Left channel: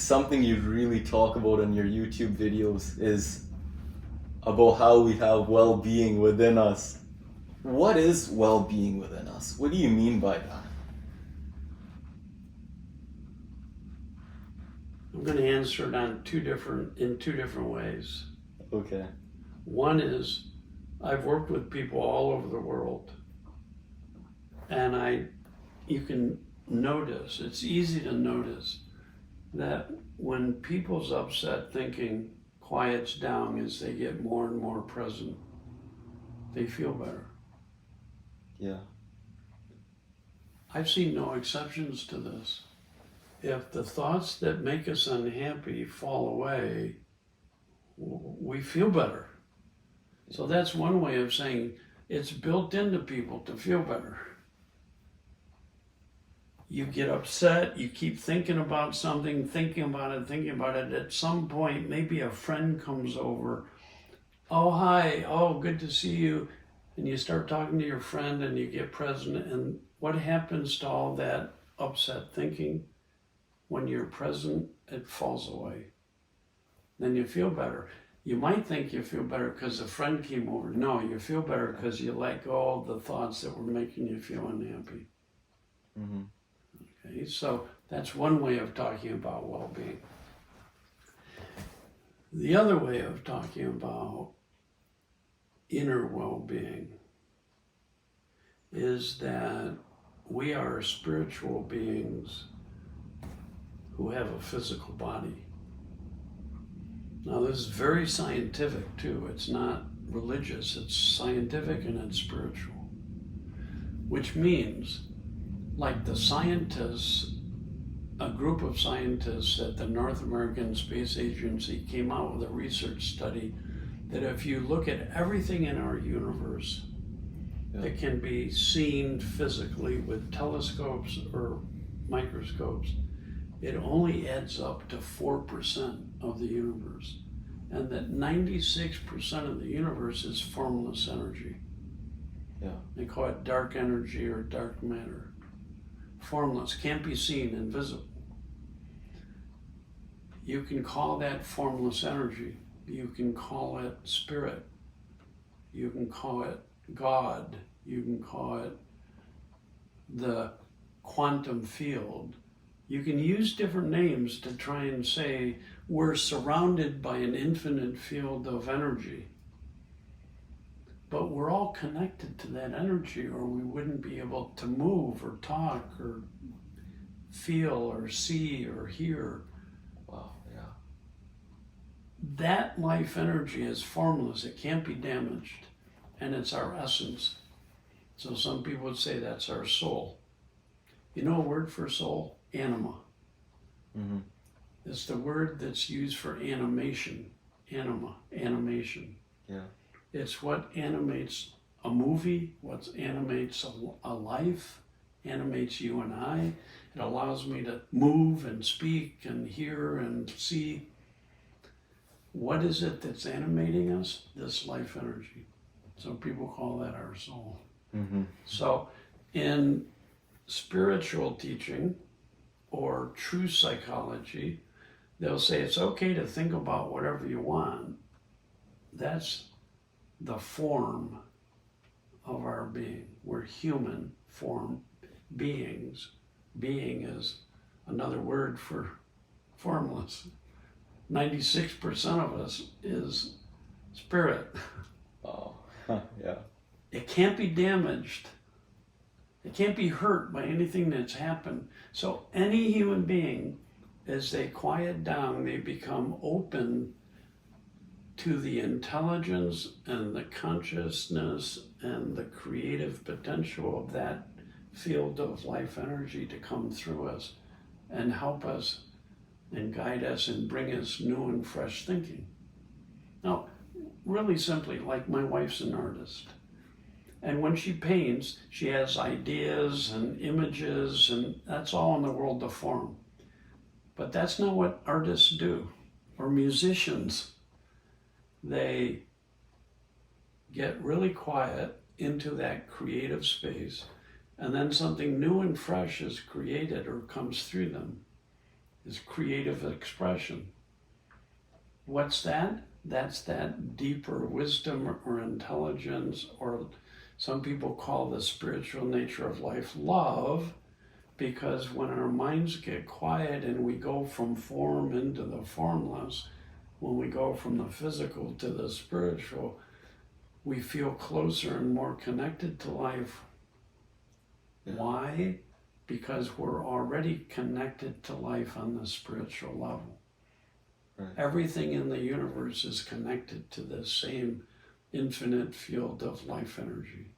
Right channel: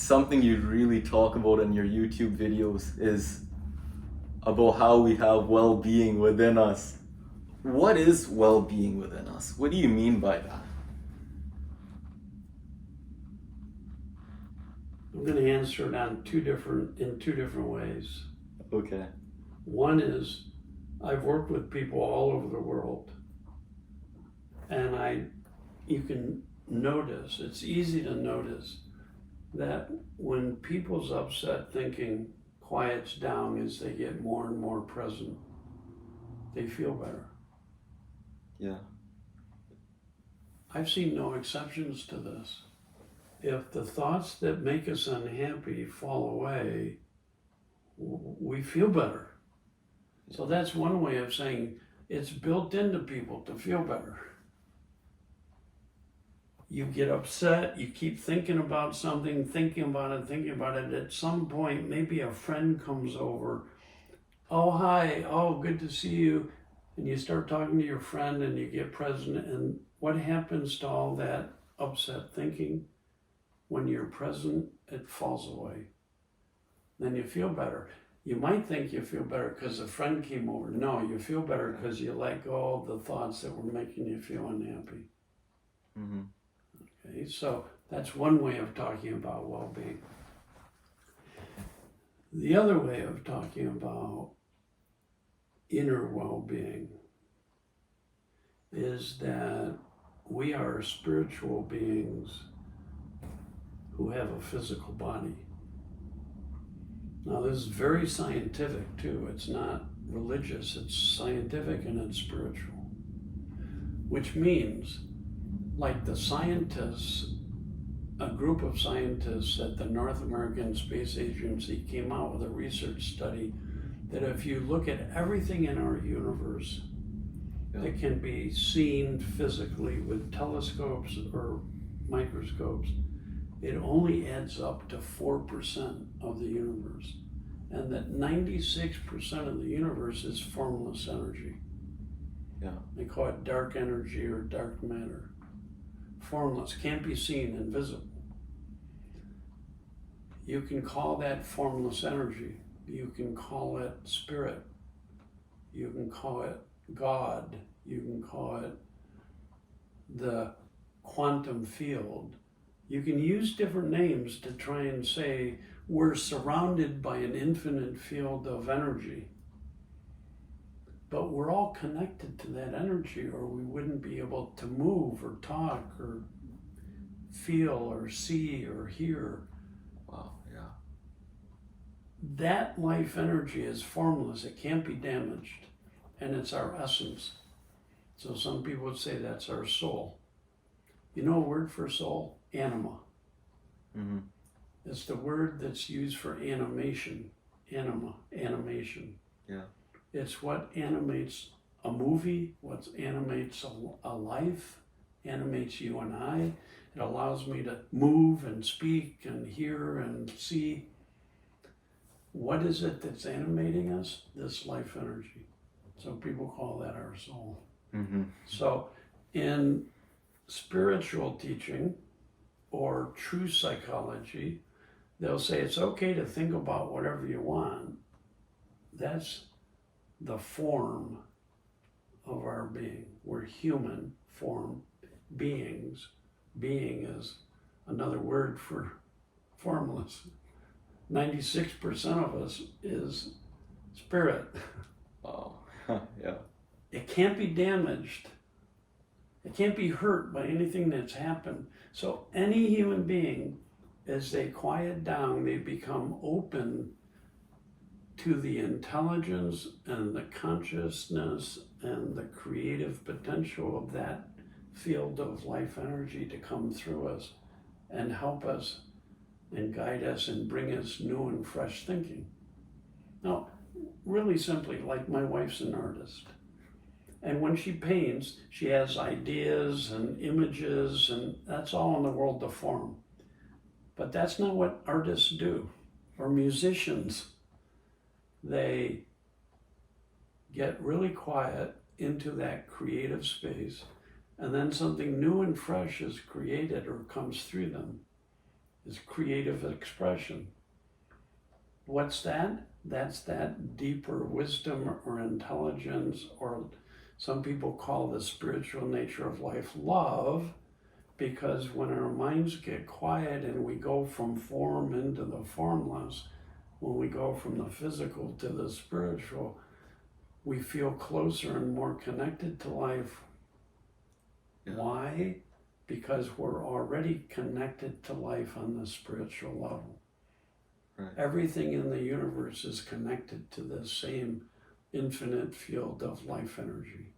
something you really talk about in your YouTube videos is about how we have well-being within us. What is well-being within us? What do you mean by that? I'm going to answer it in two different ways. Okay. One is, I've worked with people all over the world, and you can notice, it's easy to notice that when people's upset thinking quiets down as they get more and more present, they feel better. Yeah. I've seen no exceptions to this. If the thoughts that make us unhappy fall away, we feel better. So that's one way of saying it's built into people to feel better. You get upset, you keep thinking about something, thinking about it. At some point, maybe a friend comes over. Oh, hi, oh, good to see you. And you start talking to your friend and you get present. And what happens to all that upset thinking? When you're present, it falls away. Then you feel better. You might think you feel better because a friend came over. No, you feel better because you let go of the thoughts that were making you feel unhappy. Mm-hmm. Okay, so that's one way of talking about well-being. The other way of talking about inner well-being is that we are spiritual beings who have a physical body. Now, this is very scientific too. It's not religious, it's scientific and it's spiritual. Which means, like the scientists, a group of scientists at the North American Space Agency came out with a research study that if you look at everything in our universe that can be seen physically with telescopes or microscopes, it only adds up to 4% of the universe. And that 96% of the universe is formless energy. Yeah. They call it dark energy or dark matter. Formless, can't be seen, invisible. You can call that formless energy. You can call it spirit. You can call it God. You can call it the quantum field. You can use different names to try and say we're surrounded by an infinite field of energy. But we're all connected to that energy, or we wouldn't be able to move or talk or feel or see or hear. Wow, yeah. That life energy is formless. It can't be damaged. And it's our essence. So some people would say that's our soul. You know a word for soul? Anima. Mm-hmm. It's the word that's used for animation. Anima, animation. Yeah. It's what animates a movie, what animates a life, animates you and I. It allows me to move and speak and hear and see. What is it that's animating us? This life energy. So people call that our soul. Mm-hmm. So in spiritual teaching or true psychology, they'll say it's okay to think about whatever you want. That's the form of our being. We're human form beings. Being is another word for formless. 96% of us is spirit. Oh, yeah. It can't be damaged. It can't be hurt by anything that's happened. So any human being, as they quiet down, they become open to the intelligence and the consciousness and the creative potential of that field of life energy to come through us and help us and guide us and bring us new and fresh thinking. Now, really simply, like my wife's an artist. And when she paints, she has ideas and images, and that's all in the world of form. But that's not what artists do, or musicians. They get really quiet into that creative space, and then something new and fresh is created or comes through them. is creative expression. What's that? That's that deeper wisdom or intelligence, or some people call the spiritual nature of life love, because when our minds get quiet and we go from form into the formless, when we go from the physical to the spiritual, we feel closer and more connected to life. Yeah. Why? Because we're already connected to life on the spiritual level. Right. Everything in the universe is connected to this same infinite field of life energy.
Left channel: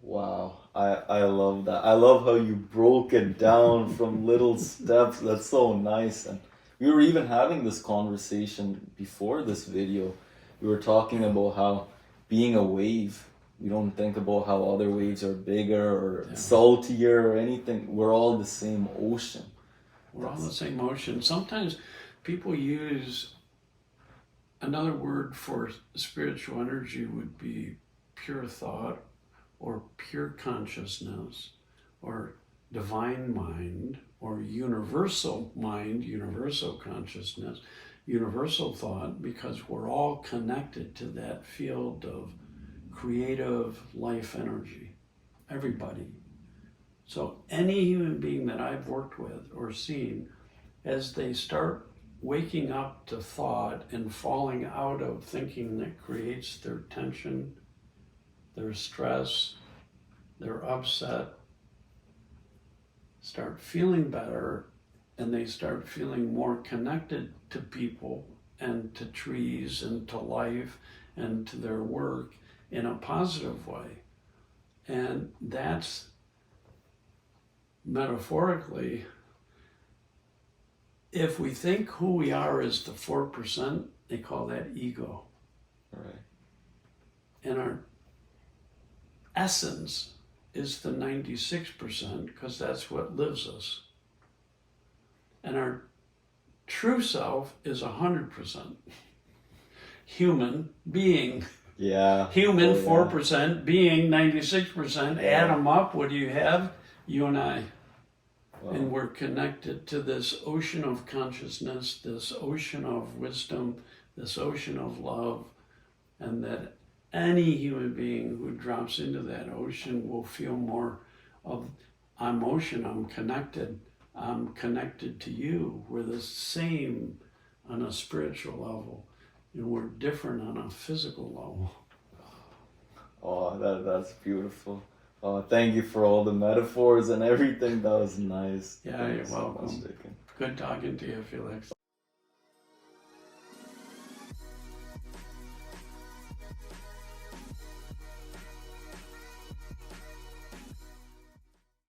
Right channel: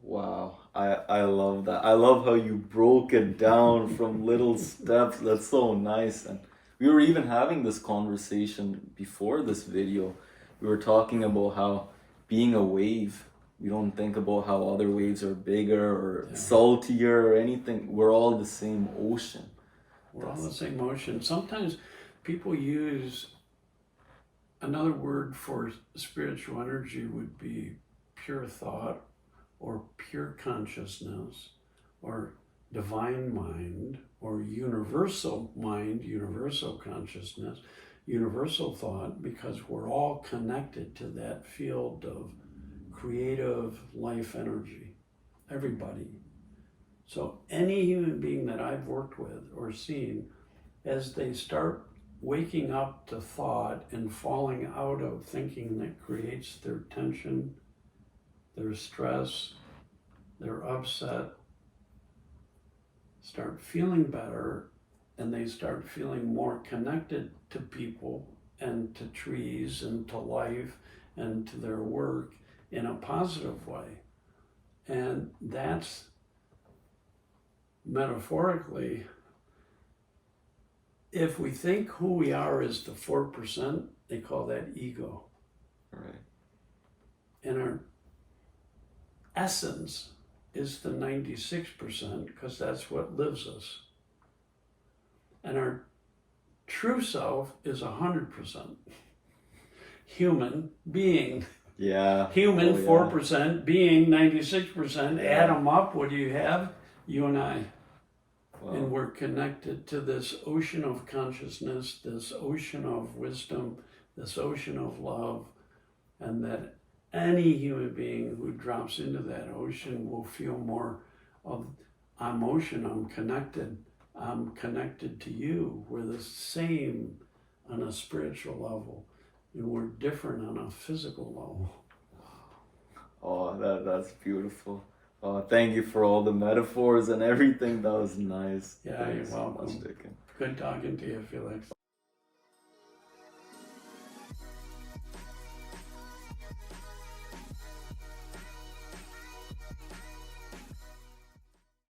Wow, I love that. I love how you broke it down from little steps. That's so nice. And we were even having this conversation before this video. We were talking about how being a wave, we don't think about how other waves are bigger or saltier or anything. We're all the same ocean. We're all the same ocean. Sometimes people use another word for spiritual energy would be pure thought, or pure consciousness, or divine mind, or universal mind, universal consciousness, universal thought, because we're all connected to that field of creative life energy. Everybody. So any human being that I've worked with or seen, as they start waking up to thought and falling out of thinking that creates their tension, their stress, their upset, start feeling better, and they start feeling more connected to people and to trees and to life and to their work in a positive way. And that's metaphorically, if we think who we are is the 4%, they call that ego. Right. And our essence is the 96%, because that's what lives us. And our true self is 100%. Human being. Yeah. Human, Oh, yeah. 4%, being 96%. Yeah. Add them up, what do you have? You and I. Wow. And we're connected to this ocean of consciousness, this ocean of wisdom, this ocean of love, and that any human being who drops into that ocean will feel more of, I'm ocean, I'm connected to you. We're the same on a spiritual level, and we're different on a physical level. Oh, that's beautiful. Thank you for all the metaphors and everything. That was nice. Yeah, Thanks you're welcome. so much, Dicken. Good talking to you, Felix.